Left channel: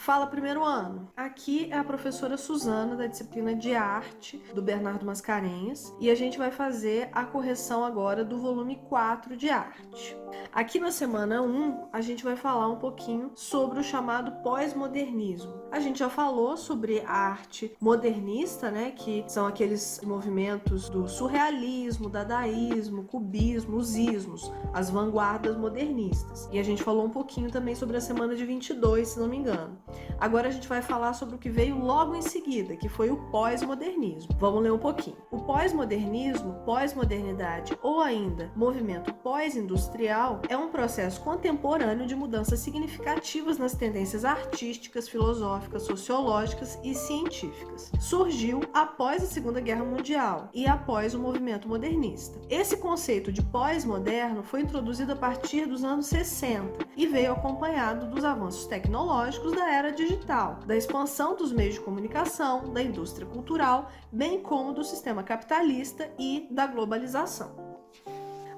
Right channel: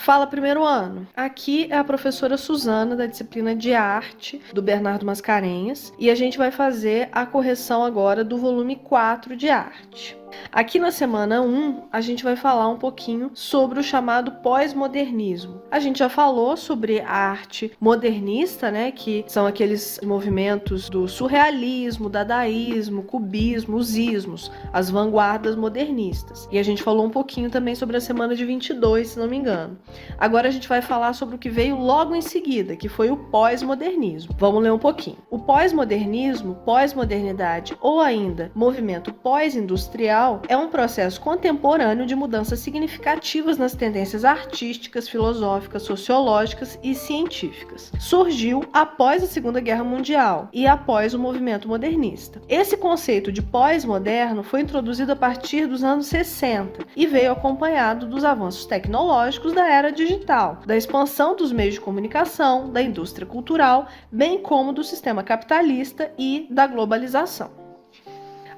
Fala, primeiro ano. Aqui é a professora Suzana, da disciplina de arte do Bernardo Mascarenhas, e a gente vai fazer a correção agora do volume 4 de arte. Aqui na semana 1, a gente vai falar um pouquinho sobre o chamado pós-modernismo. A gente já falou sobre a arte modernista, né, que são aqueles movimentos do surrealismo, dadaísmo, cubismo, os ismos, as vanguardas modernistas. E a gente falou um pouquinho também sobre a semana de 22, se não me engano. Agora a gente vai falar sobre o que veio logo em seguida, que foi o pós-modernismo. Vamos ler um pouquinho. O pós-modernismo, pós-modernidade ou ainda movimento pós-industrial é um processo contemporâneo de mudanças significativas nas tendências artísticas, filosóficas, sociológicas e científicas. Surgiu após a Segunda Guerra Mundial e após o movimento modernista. Esse conceito de pós-moderno foi introduzido a partir dos anos 60 e veio acompanhado dos avanços tecnológicos da era digital, da expansão dos meios de comunicação, da indústria cultural, bem como do sistema capitalista e da globalização.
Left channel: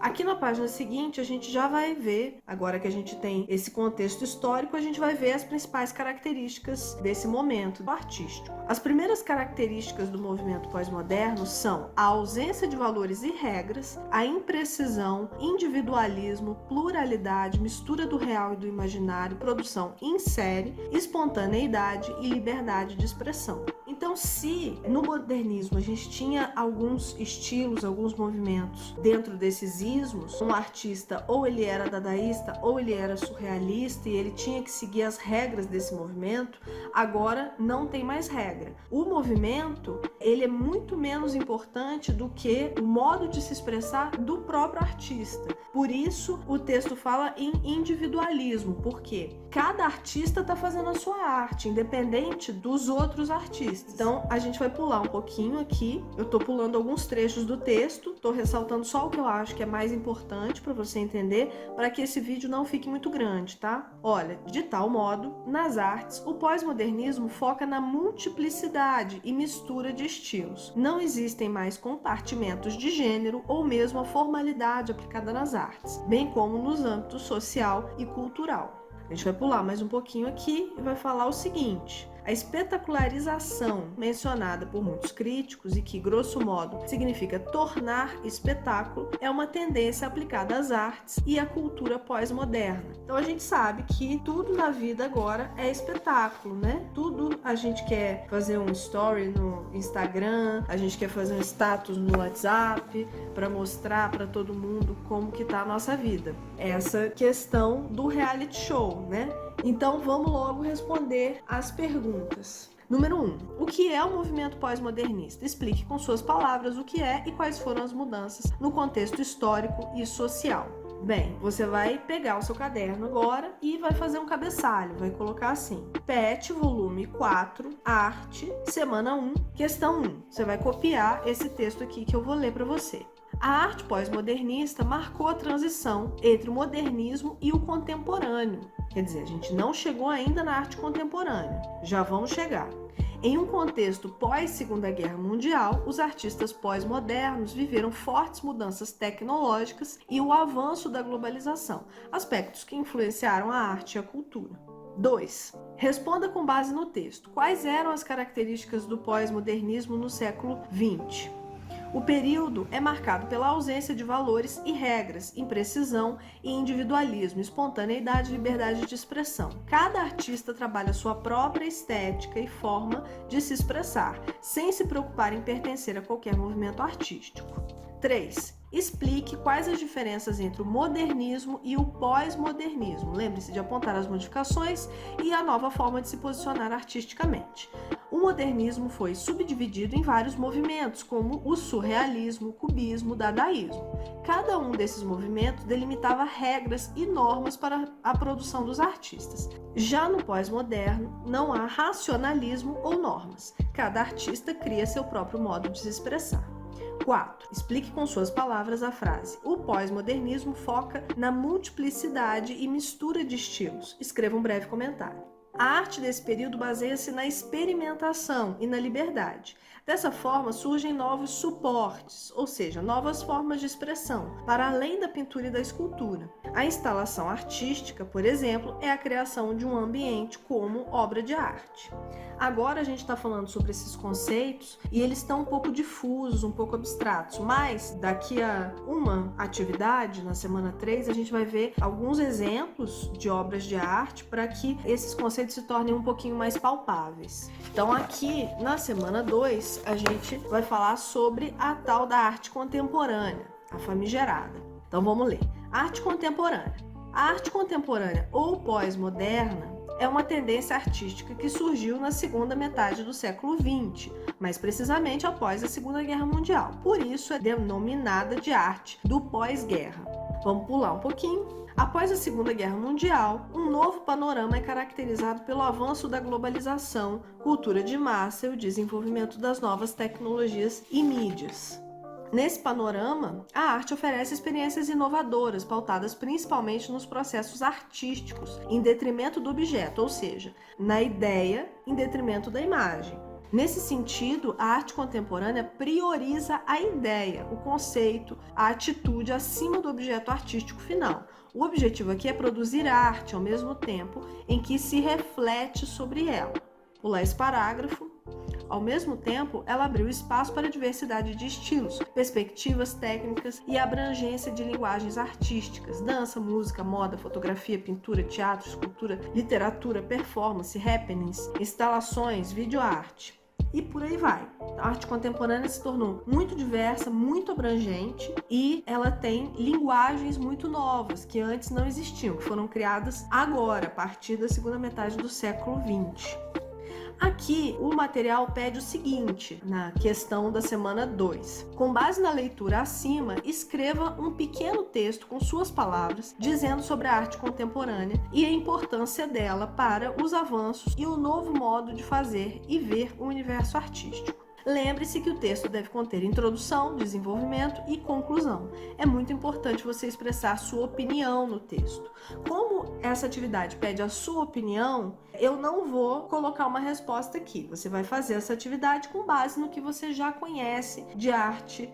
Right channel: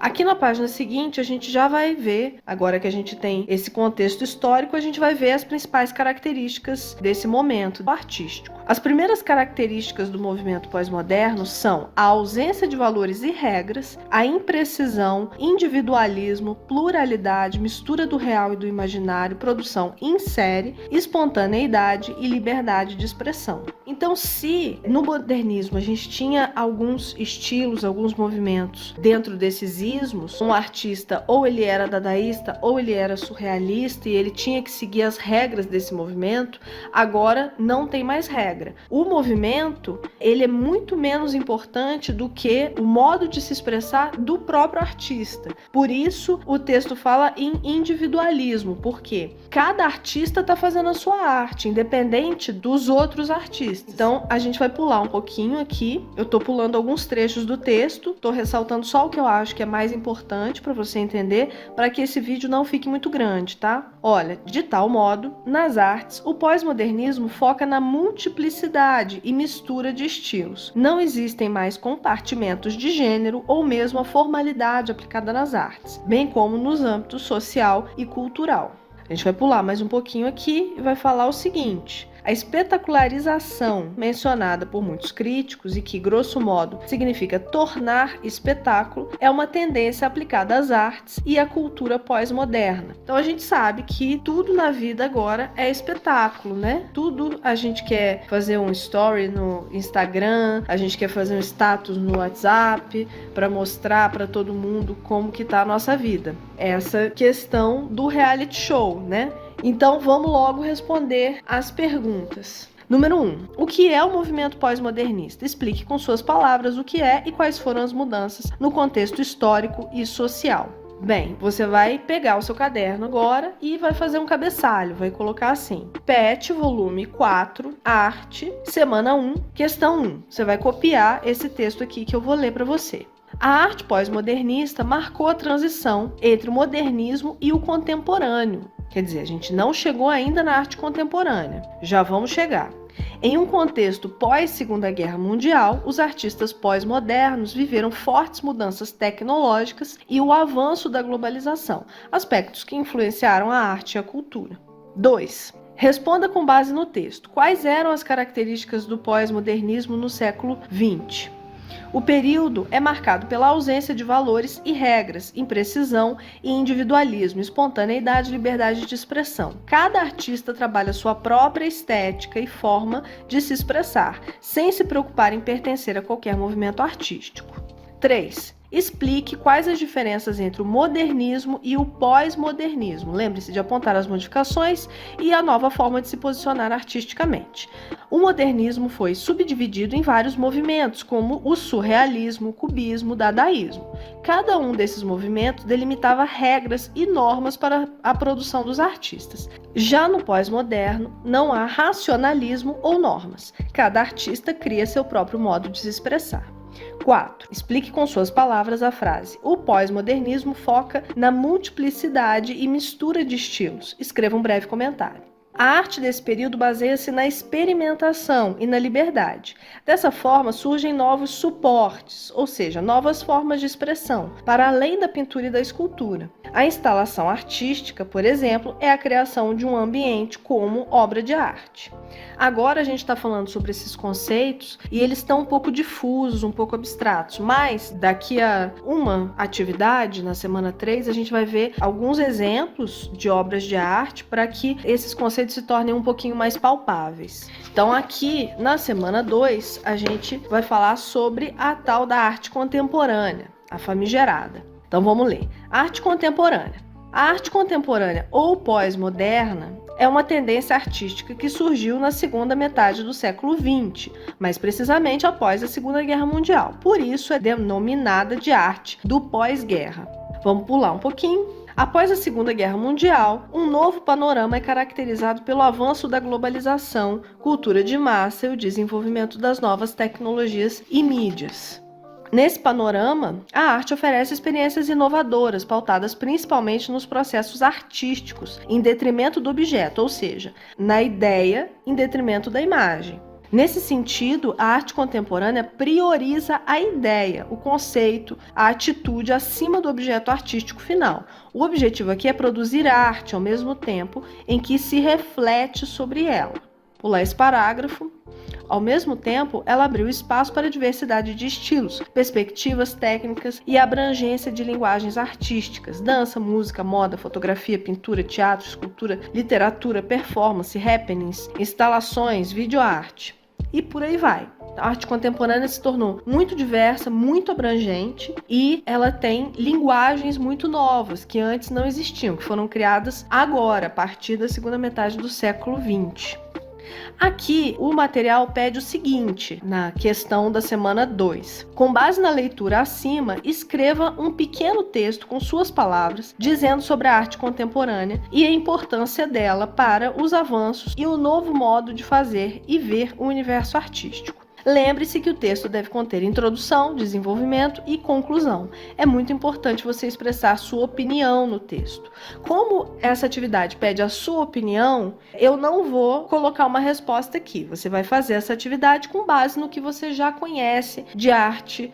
Aqui na página seguinte, a gente já vai ver, agora que a gente tem esse contexto histórico, a gente vai ver as principais características desse momento artístico. As primeiras características do movimento pós-moderno são a ausência de valores e regras, a imprecisão, individualismo, pluralidade, mistura do real e do imaginário, produção em série, espontaneidade e liberdade de expressão. Então, se no modernismo a gente tinha alguns estilos, alguns movimentos dentro desses ismos, um artista ou ele era dadaísta ou ele era surrealista e ele tinha que seguir as regras desse movimento, agora não tem mais regra. O movimento, ele é muito menos importante do que o modo de se expressar do próprio artista. Por isso, o texto fala em individualismo, porque cada artista está fazendo a sua arte, independente dos outros artistas. Então, a gente vai pular um pouquinho aqui. Eu tô pulando alguns trechos do texto, tô ressaltando só o que eu acho que é mais importante para você entender, para que esse vídeo não fique muito grande, tá? Olha, de tal modo, nas artes, o pós-modernismo foca na multiplicidade e mistura de estilos. Não existem mais compartimentos de gênero ou mesmo a formalidade aplicada nas artes, bem como nos âmbitos social e cultural. A gente vai pular mais um pouquinho aqui e vai falar o seguinte: a espetacularização, mencionada por muitos críticos e que, grosso modo, significa tornar espetáculo, é uma tendência aplicada às artes e à cultura pós-moderna. Então a gente sabe que tudo na vida agora é espetáculo, né? Tudo a gente quer fazer um story no Instagram, a gente quer fazer um status no WhatsApp para mostrar para todo mundo como que tá a nossa vida. Essa questão do reality show, né? Então vamos logo responder as perguntas. Número 1. O que é o movimento pós-modernista? Explique com suas palavras o que é e quais foram as mudanças no contexto histórico e social. Bem, você vai pegar o seu caderno agora e vai fazer um cabeçalho, vai colocar assim: PET, volume 4, arte, semana 1, questão 1. Você vai copiar esse texto aqui que eu vou ler para você. A arte pós-modernista marcou a transição entre o modernismo e o contemporâneo. Quer dizer, a gente não chegou ainda na arte contemporânea, já vamos chegar. Em um contexto pós-Segunda Guerra Mundial, os artistas pós-modernos viveram fortes mudanças tecnológicas e o avanço da globalização, aspectos que influenciaram a arte e a cultura. 2. Responda com base no texto. Quais eram as características do pós-modernismo no século XX? O período é marcado pela ausência de valores e regras, imprecisão e individualismo, espontaneidade e liberdade de expressão. Cada artista trabalha sua própria estética e forma de se expressar, sem se preocupar em pertencer a qualquer movimento artístico. 3. Explique quais as diferenças entre o modernismo e o pós-modernismo. Lembre-se de apontar as modificações e a nova forma de se posicionar artisticamente. O modernismo foi subdividido em vários movimentos, como o surrealismo, o cubismo, o dadaísmo. Cada um desses movimentos delimitava regras e normas para a produção dos artistas. Já no pós-moderno, não há racionalismo ou normas. Cada artista cria seu próprio modo de se expressar. 4. Explique com suas palavras a frase: o pós-modernismo foca na multiplicidade e mistura de estilos. Escreva um breve comentário. A arte desse período baseia-se na experimentação e na liberdade. Dessa forma, surgem novos suportes, ou seja, novas formas de expressão, para além da pintura e da escultura. A instalação artística, por exemplo, é a criação de um ambiente como obra de arte. Agora a gente está falando sobre esses conceitos e eles estão um pouco difusos, um pouco abstratos, mas daqui a uma atividade, na semana 3, a gente vai ver alguns exemplos de obras de arte para que esses conceitos se tornem um pouquinho mais palpáveis. Então aqui, na semana 2, a gente vai falar sobre a tal da arte contemporânea, a famigerada. Então vamos ler. Arte contemporânea. A arte contemporânea ou pós-moderna é uma tendência artística que surgiu na segunda metade do século XX, mais precisamente após a Segunda Guerra Mundial. Por isso é denominada de arte do pós-guerra. Vamos pular um pouquinho. Após a Segunda Guerra Mundial, um novo panorama é caracterizado pelo avanço da globalização, cultura de massa e o desenvolvimento das novas tecnologias e mídias. Nesse panorama, a arte oferece experiências inovadoras, pautadas principalmente nos processos artísticos, em detrimento do objeto, ou seja, na ideia em detrimento da imagem. Nesse sentido, a arte contemporânea prioriza a ideia, o conceito, a atitude acima do objeto artístico final. O objetivo aqui é produzir arte ao mesmo tempo em que se reflete sobre ela. Pular esse parágrafo. Ao mesmo tempo, ela abriu espaço para a diversidade de estilos, perspectivas técnicas e abrangência de linguagens artísticas, dança, música, moda, fotografia, pintura, teatro, escultura, literatura, performance, happenings, instalações, videoarte. E por aí vai. A arte contemporânea se tornou muito diversa, muito abrangente e ela tem linguagens muito novas que antes não existiam, que foram criadas agora, a partir da segunda metade do século XX. Aqui, o material pede o seguinte, na questão da semana 2. Com base na leitura acima, escreva um pequeno texto com suas palavras, dizendo sobre a arte contemporânea e a importância dela para os avanços e o novo modo de fazer e ver o universo artístico. Lembre-se que o texto deve conter introdução, desenvolvimento e conclusão. É muito importante você expressar sua opinião no texto. Como essa atividade pede a sua opinião, eu não vou colocar uma resposta aqui. Você vai fazer essa atividade com base no que você já conhece de arte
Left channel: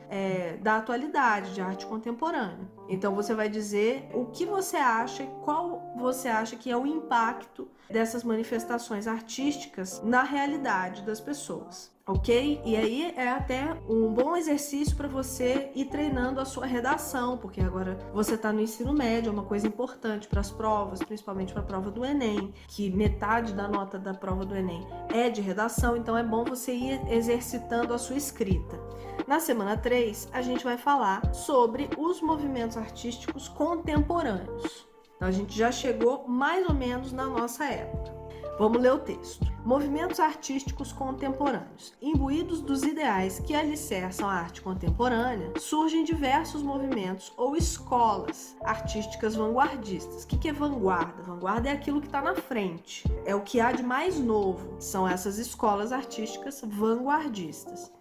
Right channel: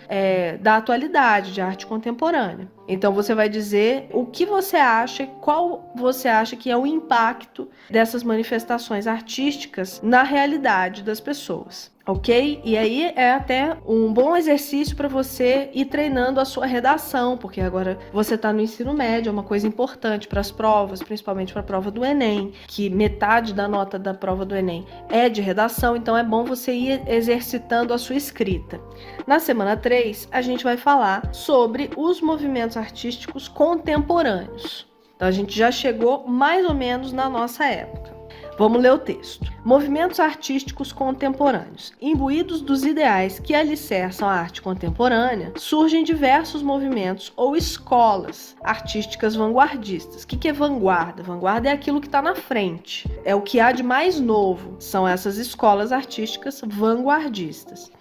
da atualidade, de arte contemporânea. Então você vai dizer o que você acha, qual você acha que é o impacto dessas manifestações artísticas na realidade das pessoas. Ok? E aí é até um bom exercício para você ir treinando a sua redação, porque agora você está no ensino médio, é uma coisa importante para as provas, principalmente para a prova do Enem, que metade da nota da prova do Enem é de redação, então é bom você ir exercitando a sua escrita. Na semana 3, a gente vai falar sobre os movimentos artísticos contemporâneos. Então a gente já chegou mais ou menos na nossa época. Vamos ler o texto. Movimentos artísticos contemporâneos. Imbuídos dos ideais que alicerçam a arte contemporânea, surgem diversos movimentos ou escolas artísticas vanguardistas. O que é vanguarda? Vanguarda é aquilo que está na frente. É o que há de mais novo. São essas escolas artísticas vanguardistas.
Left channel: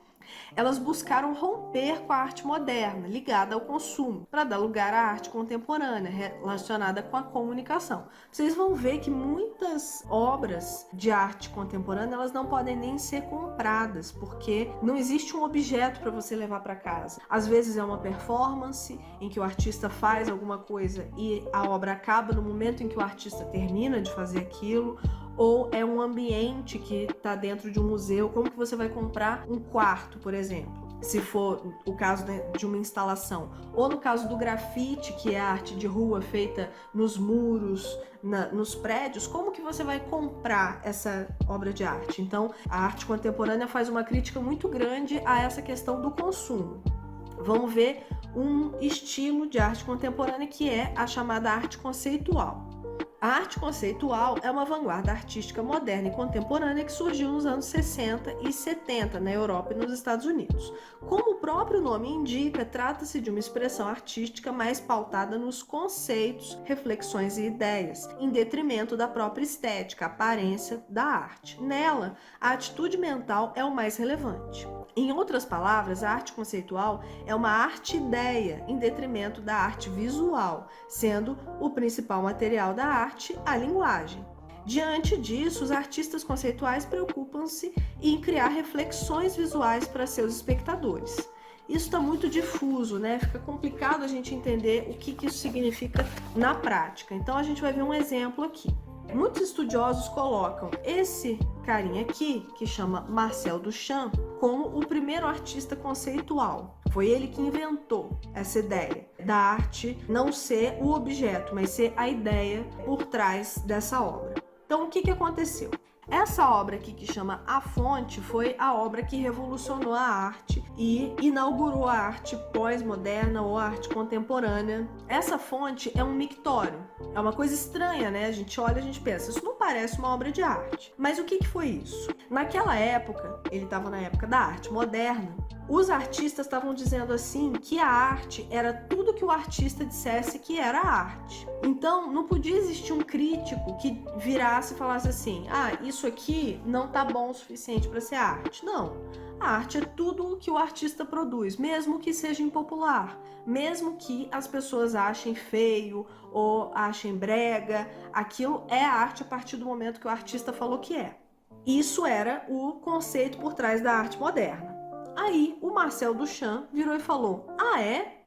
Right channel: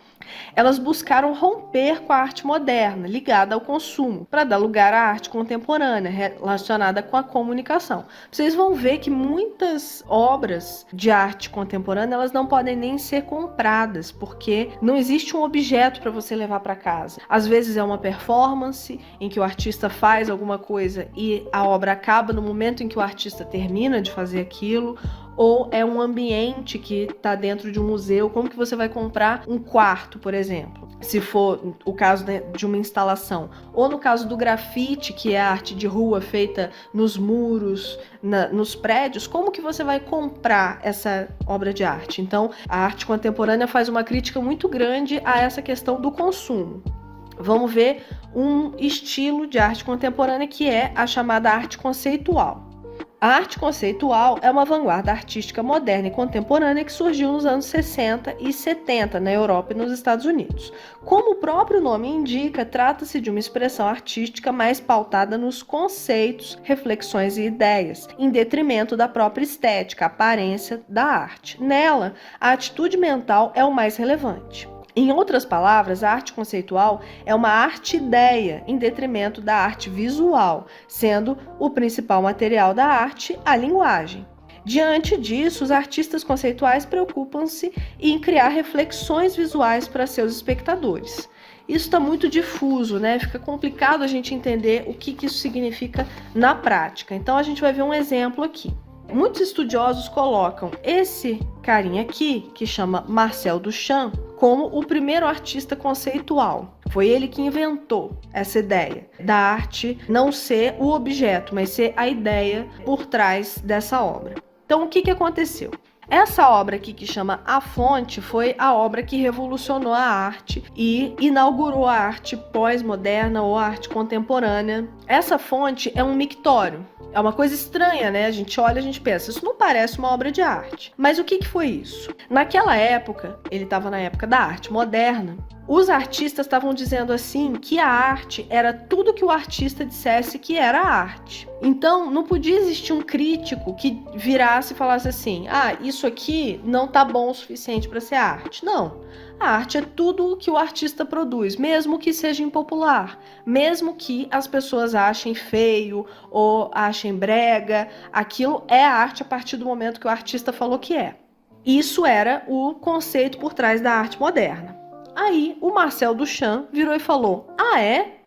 Elas buscaram romper com a arte moderna, ligada ao consumo, para dar lugar à arte contemporânea, relacionada com a comunicação. Vocês vão ver que muitas obras de arte contemporânea, elas não podem nem ser compradas, porque não existe um objeto para você levar para casa. Às vezes é uma performance em que o artista faz alguma coisa e a obra acaba no momento em que o artista termina de fazer aquilo, ou é um ambiente que está dentro de um museu. Como que você vai comprar um quarto, por exemplo? Se for o caso de uma instalação. Ou no caso do grafite, que é a arte de rua feita nos muros, nos prédios, como que você vai comprar essa obra de arte? Então, a arte contemporânea faz uma crítica muito grande a essa questão do consumo. Vamos ver um estilo de arte contemporânea que é a chamada arte conceitual. A arte conceitual é uma vanguarda artística moderna e contemporânea que surgiu nos anos 60 e 70 na Europa e nos Estados Unidos. Como o próprio nome indica, trata-se de uma expressão artística mais pautada nos conceitos, reflexões e ideias, em detrimento da própria estética, aparência da arte. Nela, a atitude mental é o mais relevante. Em outras palavras, a arte conceitual é uma arte-ideia em detrimento da arte visual, sendo o principal material da arte a linguagem. Diante disso, os artistas conceituais preocupam-se em criar reflexões visuais para seus espectadores. Isso está muito difuso, né? Fica complicado a gente entender o que isso significa na prática. Então a gente vai ver um exemplo aqui. Muitos estudiosos colocam esse carinha aqui, que chama Marcel Duchamp, como o primeiro artista conceitual. Foi ele que inventou essa ideia da arte não ser o objeto, mas ser a ideia por trás dessa obra. Então, o que aconteceu? Essa obra aqui, que chama A Fonte, foi a obra que revolucionou a arte e inaugurou a arte pós-moderna ou a arte contemporânea. Essa fonte é um mictório. É uma coisa estranha, né? A gente olha e a gente pensa, isso não parece uma obra de arte. Mas o que foi isso? Naquela época, ele estava na época da arte moderna, os artistas estavam dizendo assim que a arte era tudo que o artista dissesse que era arte. Então, não podia existir um crítico que virasse e falasse assim, isso aqui não tá bom o suficiente para ser arte. Não. A arte é tudo o que o artista produz, mesmo que seja impopular, mesmo que as pessoas achem feio ou achem brega, aquilo é arte a partir do momento que o artista falou que é. Isso era o conceito por trás da arte moderna. Aí o Marcel Duchamp virou e falou,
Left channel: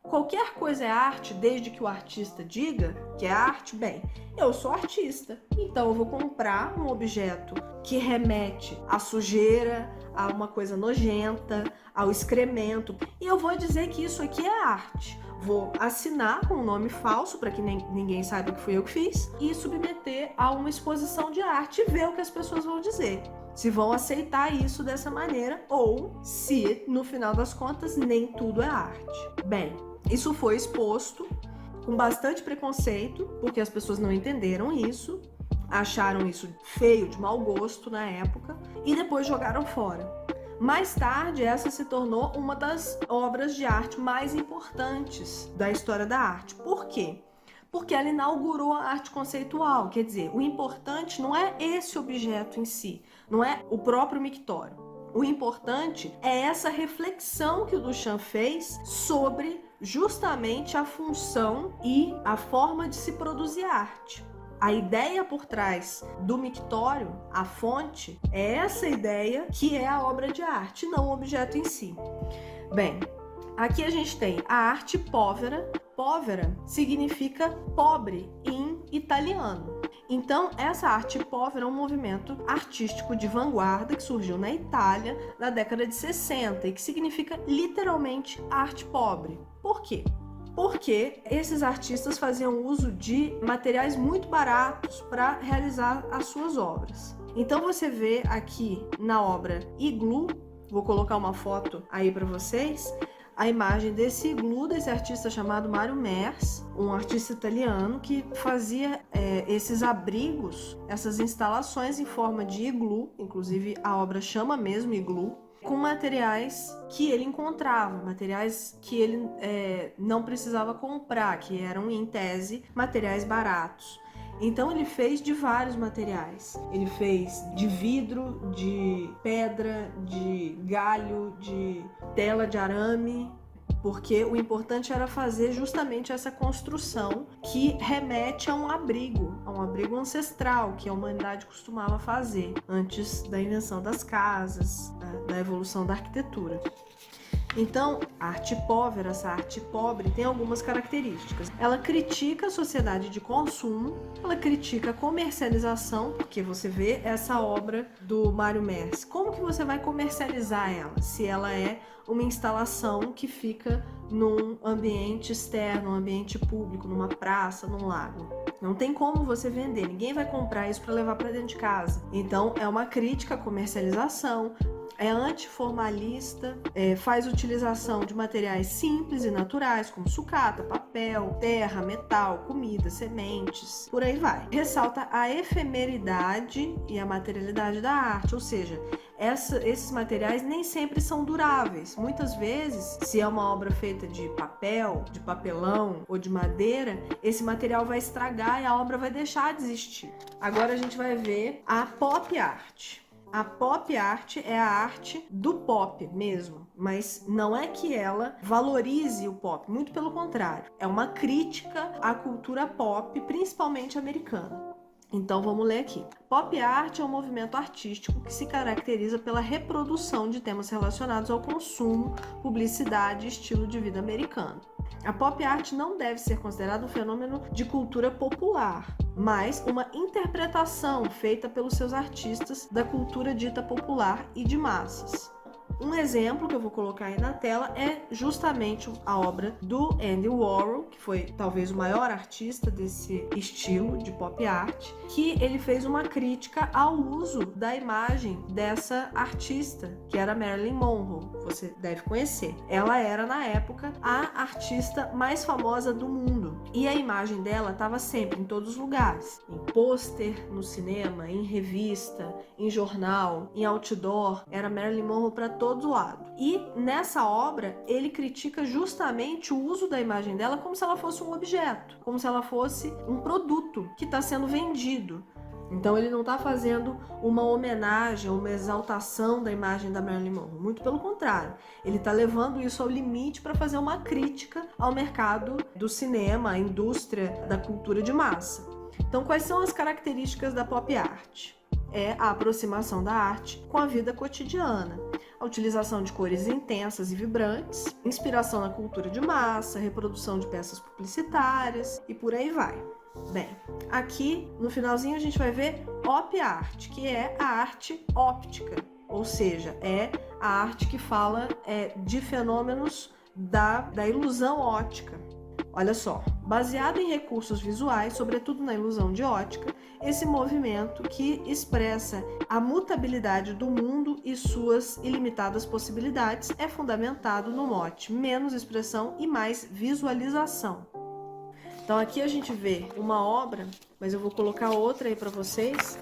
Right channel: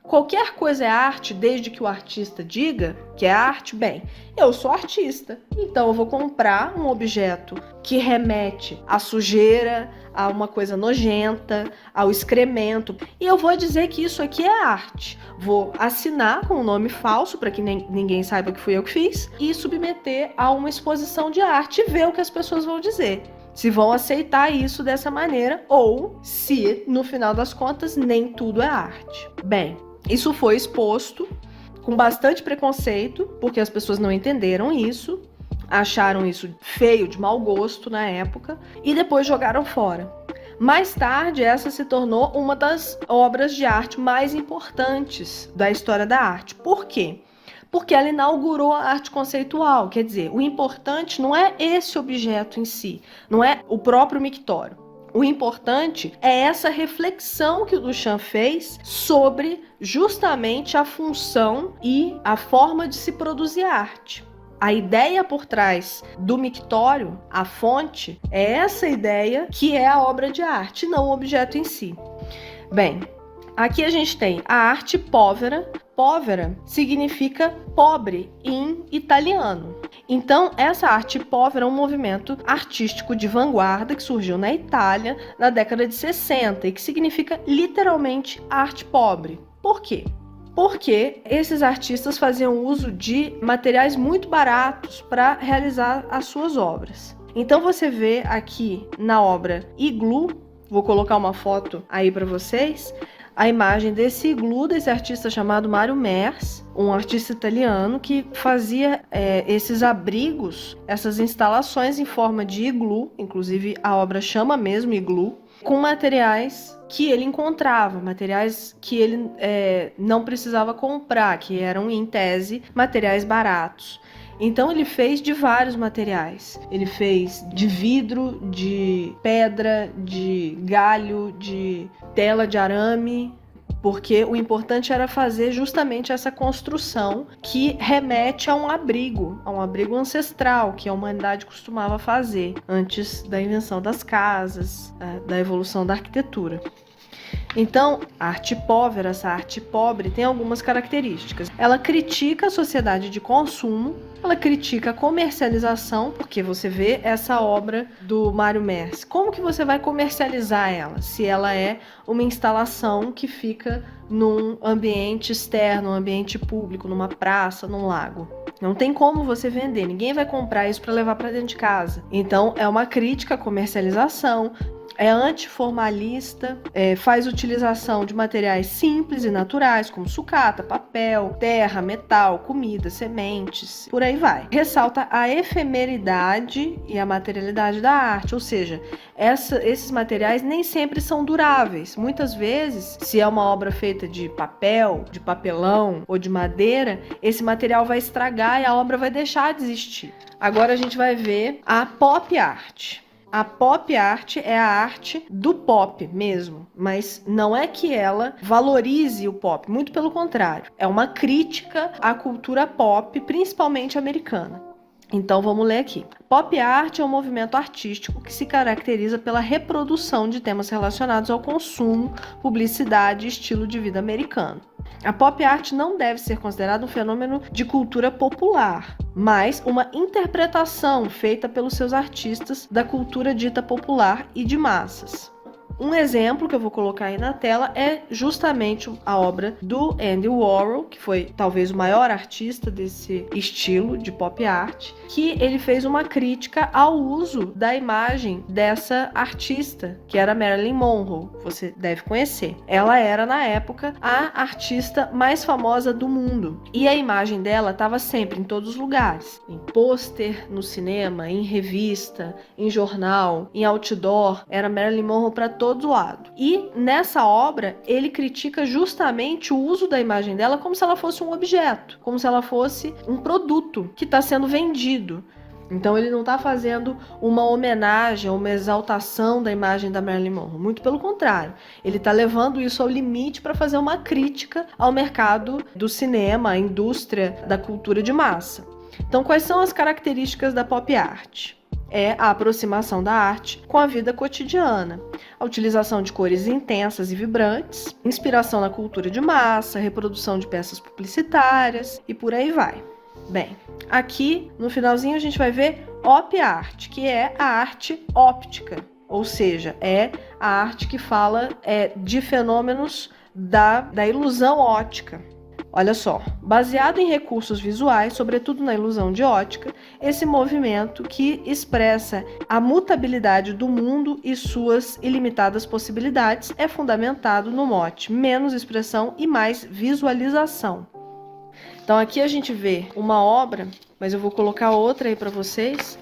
qualquer coisa é arte desde que o artista diga que é arte? Bem, eu sou artista, então eu vou comprar um objeto que remete à sujeira, a uma coisa nojenta, ao excremento, e eu vou dizer que isso aqui é arte. Vou assinar com um nome falso para que ninguém saiba que fui eu que fiz e submeter a uma exposição de arte e ver o que as pessoas vão dizer. Se vão aceitar isso dessa maneira ou se, no final das contas, nem tudo é arte. Bem, isso foi exposto com bastante preconceito, porque as pessoas não entenderam isso, acharam isso feio, de mau gosto na época, e depois jogaram fora. Mais tarde, essa se tornou uma das obras de arte mais importantes da história da arte. Por quê? Porque ela inaugurou a arte conceitual, quer dizer, o importante não é esse objeto em si, não é o próprio mictório. O importante é essa reflexão que o Duchamp fez sobre justamente a função e a forma de se produzir arte. A ideia por trás do mictório, a fonte, é essa ideia que é a obra de arte, não o objeto em si. Bem, aqui a gente tem a arte povera. Povera significa pobre em italiano. Então, essa arte povera é um movimento artístico de vanguarda que surgiu na Itália na década de 60 e que significa literalmente arte pobre. Por quê? Porque esses artistas faziam uso de materiais muito baratos para realizar as suas obras. Então, você vê aqui na obra Igloo, vou colocar uma foto aí para vocês, a imagem desse igloo, desse artista chamado Mário Mers, um artista italiano que fazia esses abrigos, essas instalações em forma de igloo, inclusive a obra chama mesmo igloo, com materiais que ele encontrava, materiais que ele não precisava comprar, que eram, em tese, materiais baratos. Então ele fez de vários materiais. Ele fez de vidro, de pedra, de galho, de tela de arame, porque o importante era fazer justamente essa construção que remete a um abrigo ancestral que a humanidade costumava fazer antes da invenção das casas, da evolução da arquitetura. Então, a arte povera, essa arte pobre, tem algumas características. Ela critica a sociedade de consumo, ela critica a comercialização, porque você vê essa obra do Mário Mers. Como que você vai comercializar ela, se ela é uma instalação que fica num ambiente externo, um ambiente público, numa praça, num lago? Não tem como você vender, ninguém vai comprar isso para levar para dentro de casa. Então, é uma crítica à comercialização, é antiformalista, faz utilização de materiais simples e naturais, como sucata, papel, terra, metal, comida, sementes, por aí vai. Ressalta a efemeridade e a materialidade da arte, ou seja, esses materiais nem sempre são duráveis. Muitas vezes, se é uma obra feita de papel, de papelão ou de madeira, esse material vai estragar e a obra vai deixar de existir. Agora a gente vai ver a pop art. A pop art é a arte do pop mesmo, mas não é que ela valorize o pop, muito pelo contrário. É uma crítica à cultura pop, principalmente americana. Então vamos ler aqui. Pop art é um movimento artístico que se caracteriza pela reprodução de temas relacionados ao consumo, publicidade e estilo de vida americano. A pop art não deve ser considerada um fenômeno de cultura popular, mas uma interpretação feita pelos seus artistas da cultura dita popular e de massas. Um exemplo que eu vou colocar aí na tela é justamente a obra do Andy Warhol, que foi talvez o maior artista desse estilo de pop art, que ele fez uma crítica ao uso da imagem dessa artista, que era Marilyn Monroe, você deve conhecer. Ela era, na época, a artista mais famosa do mundo. E a imagem dela estava sempre em todos os lugares. Em pôster, no cinema, em revista, em jornal, em outdoor. Era Marilyn Monroe para todo lado. E nessa obra, ele critica justamente o uso da imagem dela como se ela fosse um objeto, como se ela fosse um produto que está sendo vendido. Então ele não está fazendo uma homenagem, uma exaltação da imagem da Marilyn Monroe. Muito pelo contrário, ele está levando isso ao limite para fazer uma crítica ao mercado do cinema, à indústria da cultura de massa. Então, quais são as características da pop art? É a aproximação da arte com a vida cotidiana, a utilização de cores intensas e vibrantes, inspiração na cultura de massa, reprodução de peças publicitárias e por aí vai. Bem, aqui no finalzinho a gente vai ver op art, que é a arte óptica, ou seja, é a arte que fala de fenômenos da ilusão óptica. Olha só, baseado em recursos visuais, sobretudo na ilusão de ótica, esse movimento que expressa a mutabilidade do mundo e suas ilimitadas possibilidades é fundamentado no mote menos expressão e mais visualização. Então aqui a gente vê uma obra, mas eu vou colocar outra aí para vocês,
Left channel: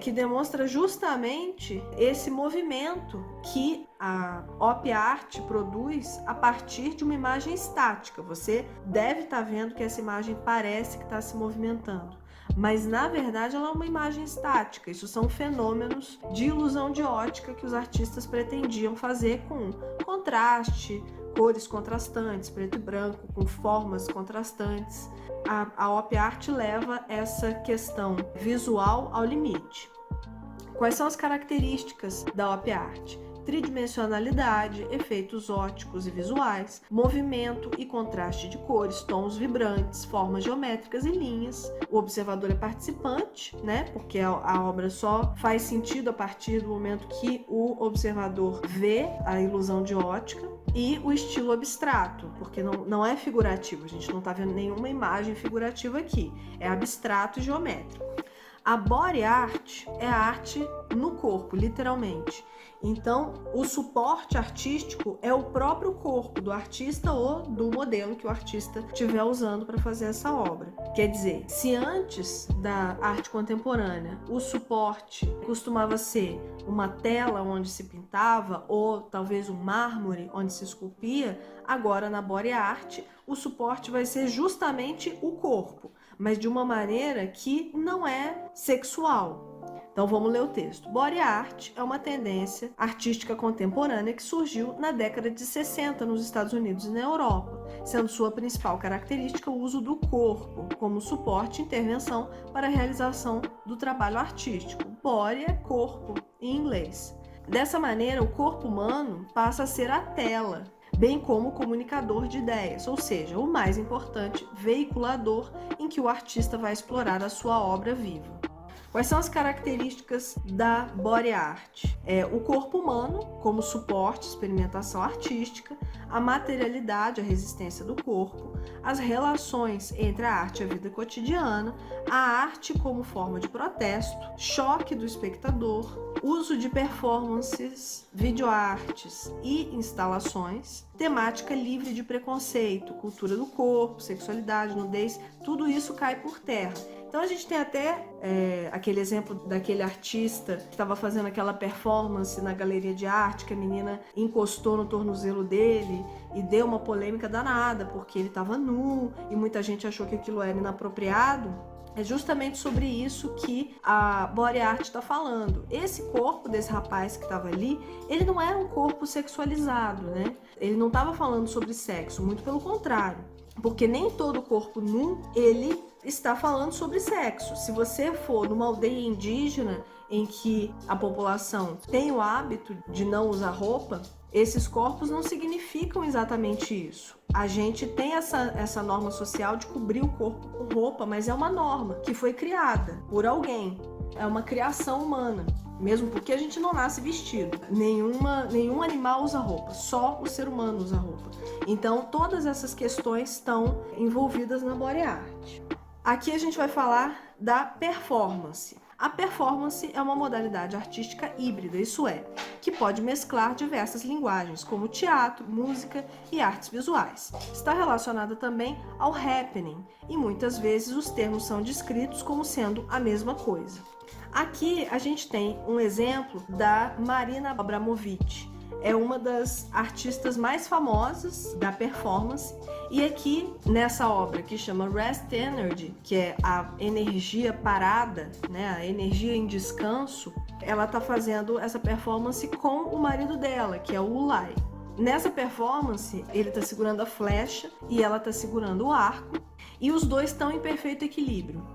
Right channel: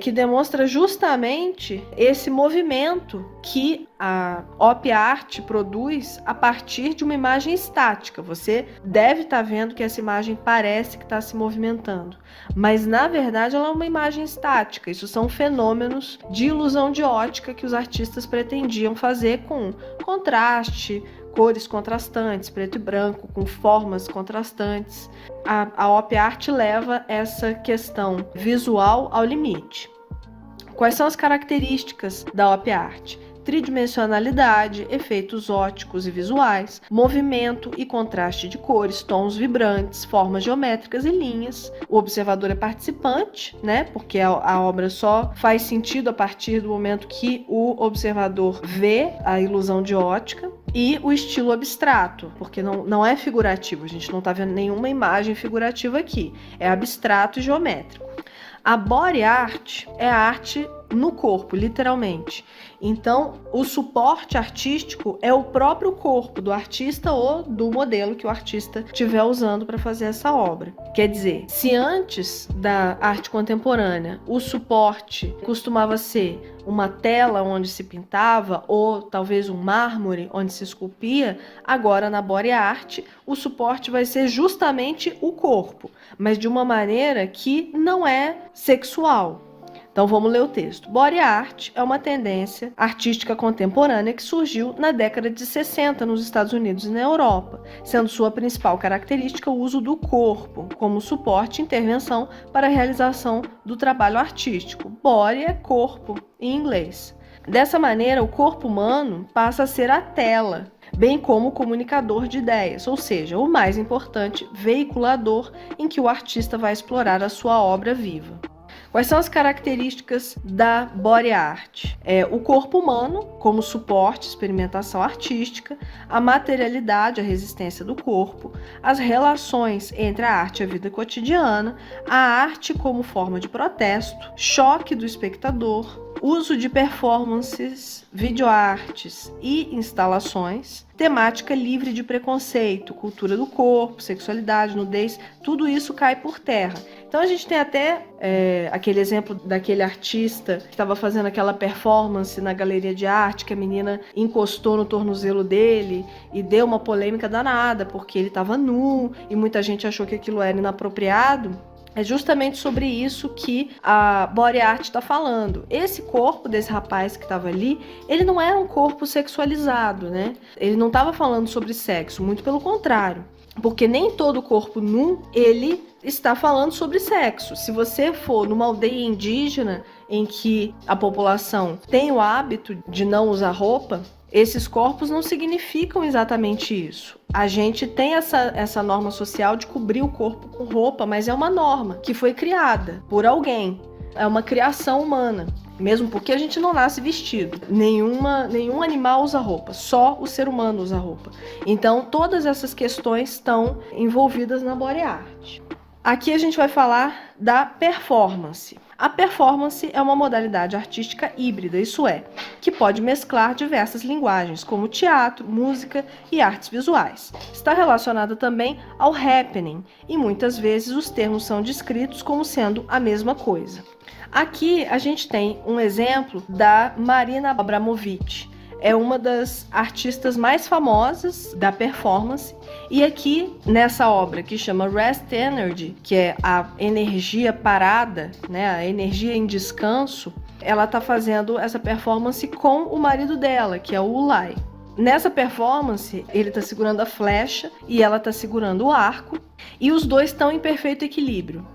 que demonstra justamente esse movimento que a op art produz a partir de uma imagem estática. Você deve estar vendo que essa imagem parece que está se movimentando, mas na verdade ela é uma imagem estática. Isso são fenômenos de ilusão de ótica que os artistas pretendiam fazer com contraste, cores contrastantes, preto e branco, com formas contrastantes. A op art leva essa questão visual ao limite. Quais são as características da op art? Tridimensionalidade, efeitos ópticos e visuais, movimento e contraste de cores, tons vibrantes, formas geométricas e linhas. O observador é participante, né? Porque a obra só faz sentido a partir do momento que o observador vê a ilusão de ótica. E o estilo abstrato, porque não é figurativo, a gente não está vendo nenhuma imagem figurativa aqui, é abstrato e geométrico. A body art é a arte no corpo, literalmente. Então, o suporte artístico é o próprio corpo do artista ou do modelo que o artista estiver usando para fazer essa obra. Quer dizer, se antes da arte contemporânea o suporte costumava ser uma tela onde se pintava ou talvez um mármore onde se esculpia, agora na body art o suporte vai ser justamente o corpo, mas de uma maneira que não é sexual. Então vamos ler o texto. Body art é uma tendência artística contemporânea que surgiu na década de 60 nos Estados Unidos e na Europa, sendo sua principal característica o uso do corpo como suporte e intervenção para a realização do trabalho artístico. Body é corpo em inglês. Dessa maneira, o corpo humano passa a ser a tela, bem como o comunicador de ideias, ou seja, o mais importante, veiculador em que o artista vai explorar a sua obra viva. Quais são as características da body art? O corpo humano como suporte, experimentação artística, a materialidade, a resistência do corpo, as relações entre a arte e a vida cotidiana, a arte como forma de protesto, choque do espectador, uso de performances, videoartes e instalações, temática livre de preconceito, cultura do corpo, sexualidade, nudez, tudo isso cai por terra. Então a gente tem até aquele exemplo daquele artista que estava fazendo aquela performance na galeria de arte, que a menina encostou no tornozelo dele e deu uma polêmica danada, porque ele estava nu e muita gente achou que aquilo era inapropriado. É justamente sobre isso que a body art está falando. Esse corpo desse rapaz que estava ali, ele não era um corpo sexualizado, né? Ele não estava falando sobre sexo, muito pelo contrário. Porque nem todo corpo nu, ele está falando sobre sexo. Se você for numa aldeia indígena em que a população tem o hábito de não usar roupa, esses corpos não significam exatamente isso. A gente tem essa norma social de cobrir o corpo com roupa, mas é uma norma que foi criada por alguém. É uma criação humana. Mesmo porque a gente não nasce vestido. Nenhum animal usa roupa, só o ser humano usa roupa. Então, todas essas questões estão envolvidas na body art. Aqui a gente vai falar da performance. A performance é uma modalidade artística híbrida, isso é, que pode mesclar diversas linguagens, como teatro, música e artes visuais. Está relacionada também ao happening, e muitas vezes os termos são descritos como sendo a mesma coisa. Aqui a gente tem um exemplo da Marina Abramovic. É uma das artistas mais famosas da performance. E aqui, nessa obra que chama Rest Energy, que é a energia parada, né, a energia em descanso, ela está fazendo essa performance com o marido dela, que é o Ulay. Nessa performance, ele está segurando a flecha e ela está segurando o arco, e os dois estão em perfeito equilíbrio.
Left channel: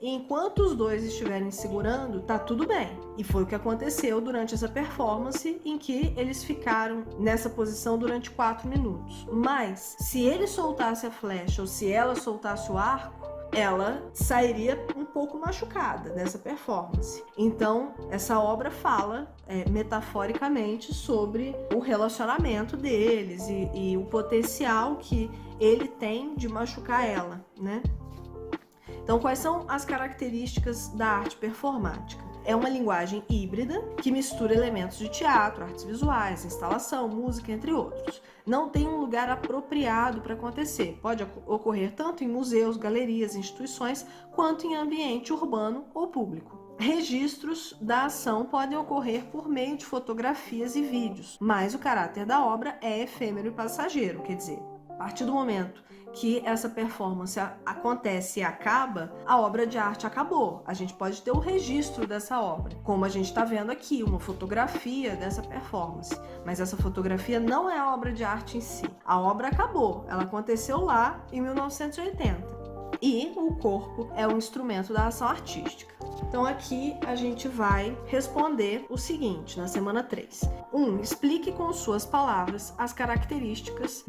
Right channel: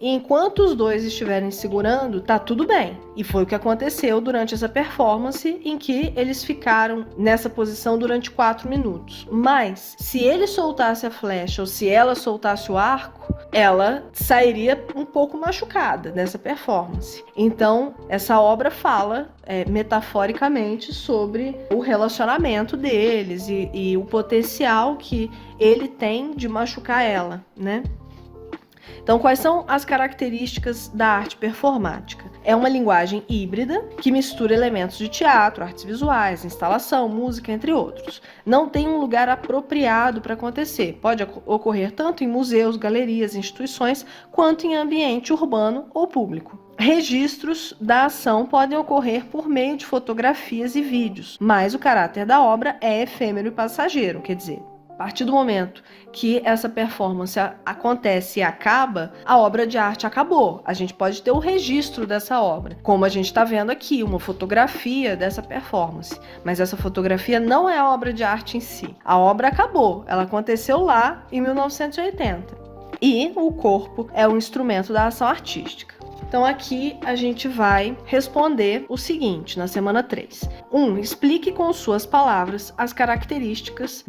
E enquanto os dois estiverem segurando, tá tudo bem. E foi o que aconteceu durante essa performance, em que eles ficaram nessa posição durante 4 minutos. Mas, se ele soltasse a flecha ou se ela soltasse o arco, ela sairia um pouco machucada nessa performance. Então, essa obra fala metaforicamente sobre o relacionamento deles e o potencial que ele tem de machucar ela, né? Então, quais são as características da arte performática? É uma linguagem híbrida que mistura elementos de teatro, artes visuais, instalação, música, entre outros. Não tem um lugar apropriado para acontecer. Pode ocorrer tanto em museus, galerias, instituições, quanto em ambiente urbano ou público. Registros da ação podem ocorrer por meio de fotografias e vídeos, mas o caráter da obra é efêmero e passageiro, quer dizer, a partir do momento que essa performance acontece e acaba, a obra de arte acabou. A gente pode ter o registro dessa obra, como a gente está vendo aqui, uma fotografia dessa performance. Mas essa fotografia não é a obra de arte em si. A obra acabou, ela aconteceu lá em 1980. E o corpo é um instrumento da ação artística. Então aqui a gente vai responder o seguinte, na semana 3. 1. Explique com suas palavras as características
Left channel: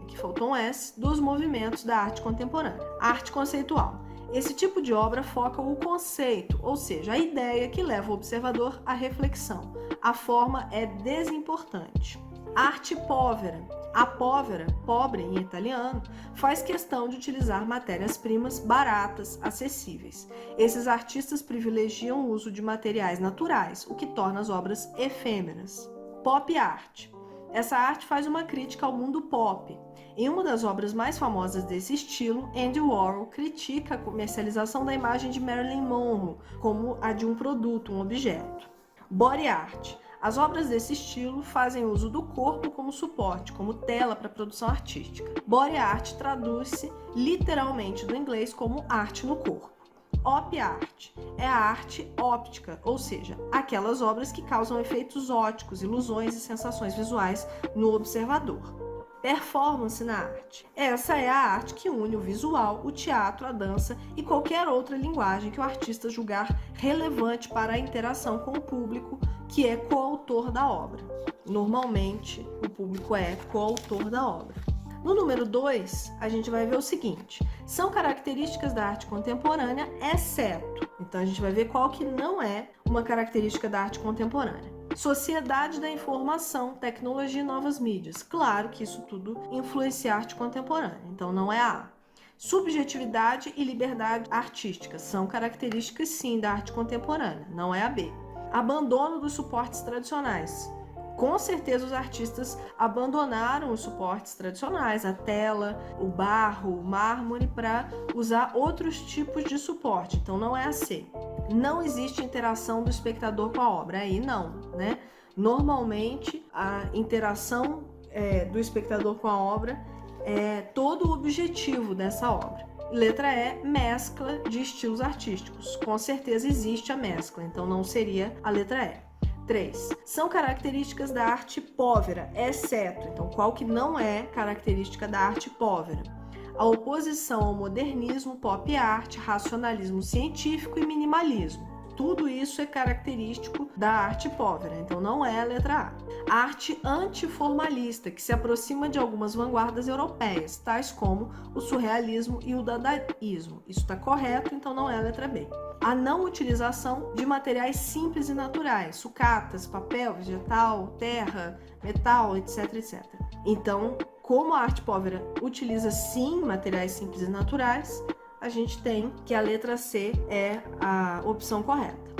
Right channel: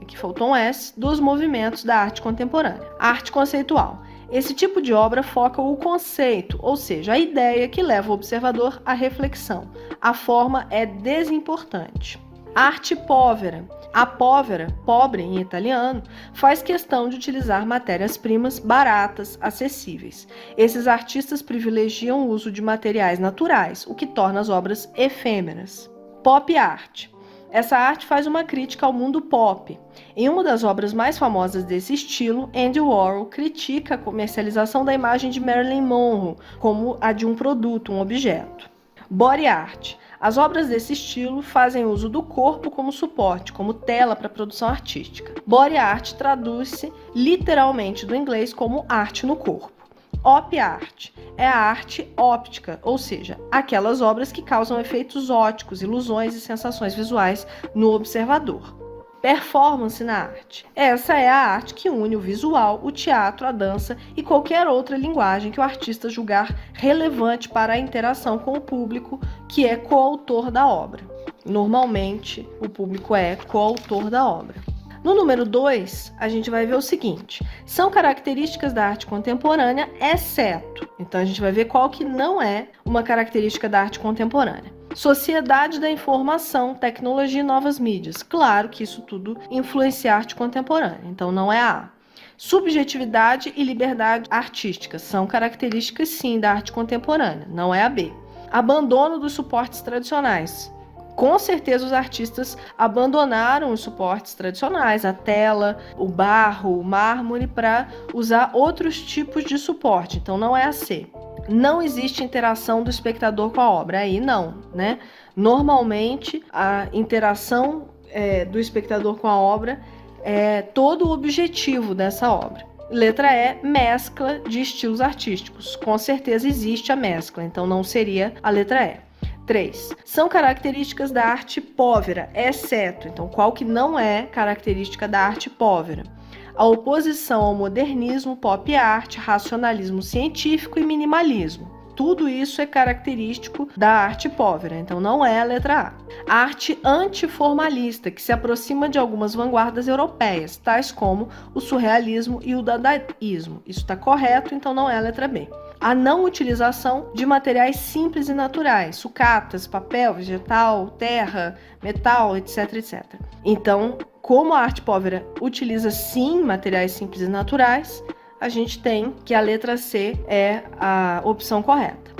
aqui faltou um S, dos movimentos da arte contemporânea. Arte conceitual. Esse tipo de obra foca o conceito, ou seja, a ideia que leva o observador à reflexão. A forma é desimportante. Arte povera. A povera, pobre em italiano, faz questão de utilizar matérias-primas baratas, acessíveis. Esses artistas privilegiam o uso de materiais naturais, o que torna as obras efêmeras. Pop art. Essa arte faz uma crítica ao mundo pop. Em uma das obras mais famosas desse estilo, Andy Warhol critica a comercialização da imagem de Marilyn Monroe como a de um produto, um objeto. Body art. As obras desse estilo fazem uso do corpo como suporte, como tela para a produção artística. Body art traduz-se literalmente do inglês como arte no corpo. Op art é a arte óptica, ou seja, aquelas obras que causam efeitos ópticos, ilusões e sensações visuais no observador. Performance na arte. Essa é a arte que une o visual, o teatro, a dança e qualquer outra linguagem que o artista julgar relevante para a interação com o público, que é coautor da obra. Normalmente, o público é coautor da obra. No número 2, a gente vai ver o seguinte: são características da arte contemporânea, exceto. Então, a gente vai ver qual que não é uma característica da arte contemporânea. Sociedade da informação, tecnologia e novas mídias. Claro que isso tudo influencia a arte contemporânea, então não é a A. Subjetividade e liberdade artística são características, sim, da arte contemporânea, não é a B. Abandono dos suportes tradicionais. Com certeza os artistas abandonaram os suportes tradicionais, a tela, o barro, o mármore, para usar outros tipos de suporte, então não é a C. Não existe interação do espectador com a obra, aí não, né? Normalmente a interação do espectador com a obra é todo o objetivo dessa obra. Letra E, mescla de estilos artísticos. Com certeza existe a mescla, então não seria a letra E. 3. São características da arte povera, exceto. Então, qual que não é característica da arte povera? a oposição ao modernismo, pop art, racionalismo científico e minimalismo. Tudo isso é característico da arte povera, então não é a letra A. A arte antiformalista, que se aproxima de algumas vanguardas europeias, tais como o surrealismo e o dadaísmo. Isso está correto, então não é a letra B. A não utilização de materiais simples e naturais, sucatas, papel, vegetal, terra, metal, etc, etc. Então, como a arte povera utiliza sim materiais simples e naturais, a gente tem que a letra C é a opção correta.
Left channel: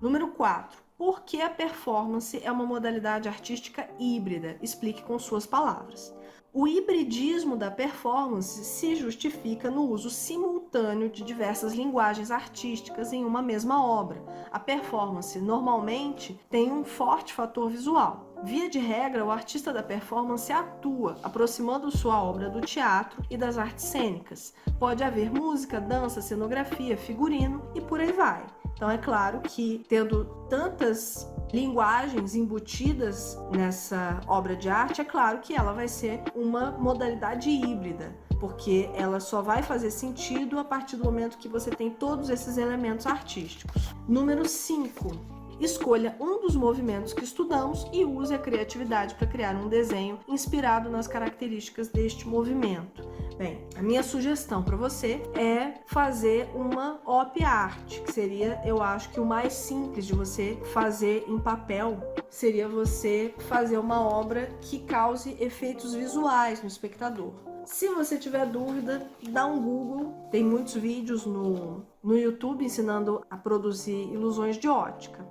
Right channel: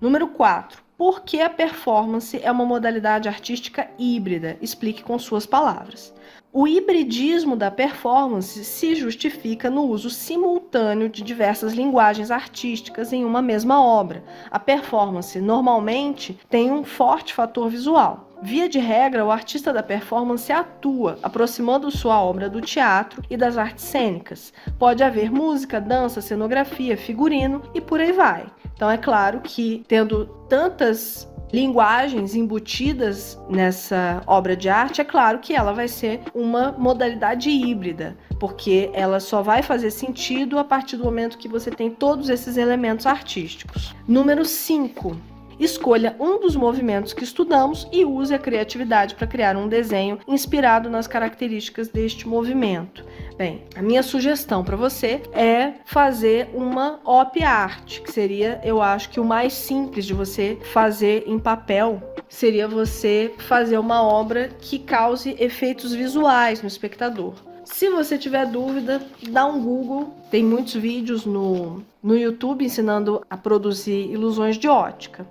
Número 4. Por que a performance é uma modalidade artística híbrida? Explique com suas palavras. O hibridismo da performance se justifica no uso simultâneo de diversas linguagens artísticas em uma mesma obra. A performance normalmente tem um forte fator visual. Via de regra, o artista da performance atua, aproximando sua obra do teatro e das artes cênicas. Pode haver música, dança, cenografia, figurino e por aí vai. Então é claro que, tendo tantas linguagens embutidas nessa obra de arte, é claro que ela vai ser uma modalidade híbrida, porque ela só vai fazer sentido a partir do momento que você tem todos esses elementos artísticos. Número 5. Escolha um dos movimentos que estudamos e use a criatividade para criar um desenho inspirado nas características deste movimento. Bem, a minha sugestão para você é fazer uma op art, que seria, eu acho que o mais simples de você fazer em papel, seria você fazer uma obra que cause efeitos visuais no espectador. Se você tiver dúvida, dá um Google, tem muitos vídeos no YouTube ensinando a produzir ilusões de ótica.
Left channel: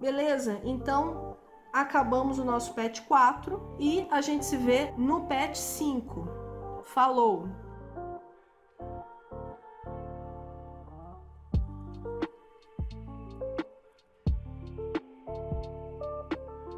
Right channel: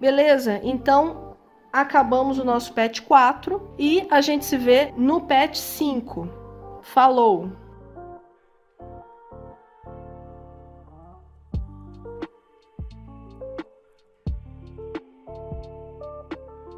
Beleza? Então, acabamos o nosso PET 4 e a gente se vê no PET 5. Falou!